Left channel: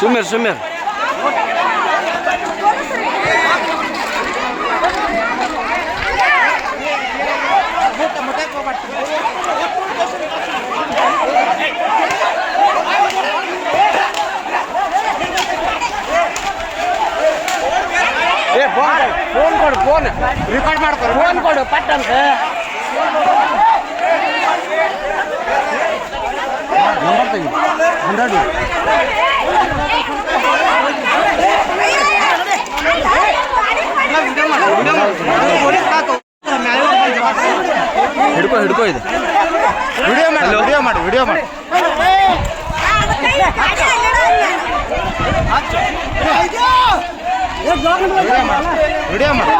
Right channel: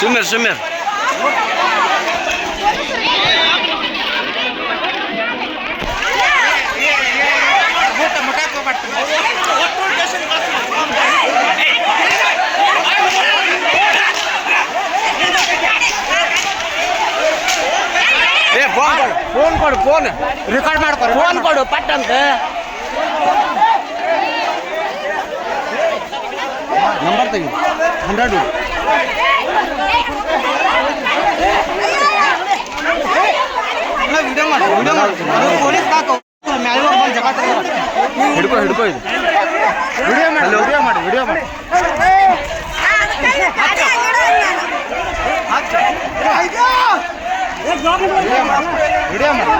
ಸುಮೀರ್ ಸುಮೀರ್ ಏ phone phone ಕೊಡು phone record ಮಾಡ್ಕೊ ಫೋನ್ ಕೊಡು ಪಟ್ ಅಂತ ನಂಬರ್ ತೆಗಿ ಹಂಡ್ರೆಡ್ ಹಿಡ್ಕೊ ಹಿಡ್ಕೊ ಇದು ವಿಡಿಯೋ ಮಾಡಿ ವಿಡಿಯೋ ಮಾಡಿ ವಿಡಿಯೋ ಮಾಡಿ ವಿಡಿಯೋ ಮಾಡಿ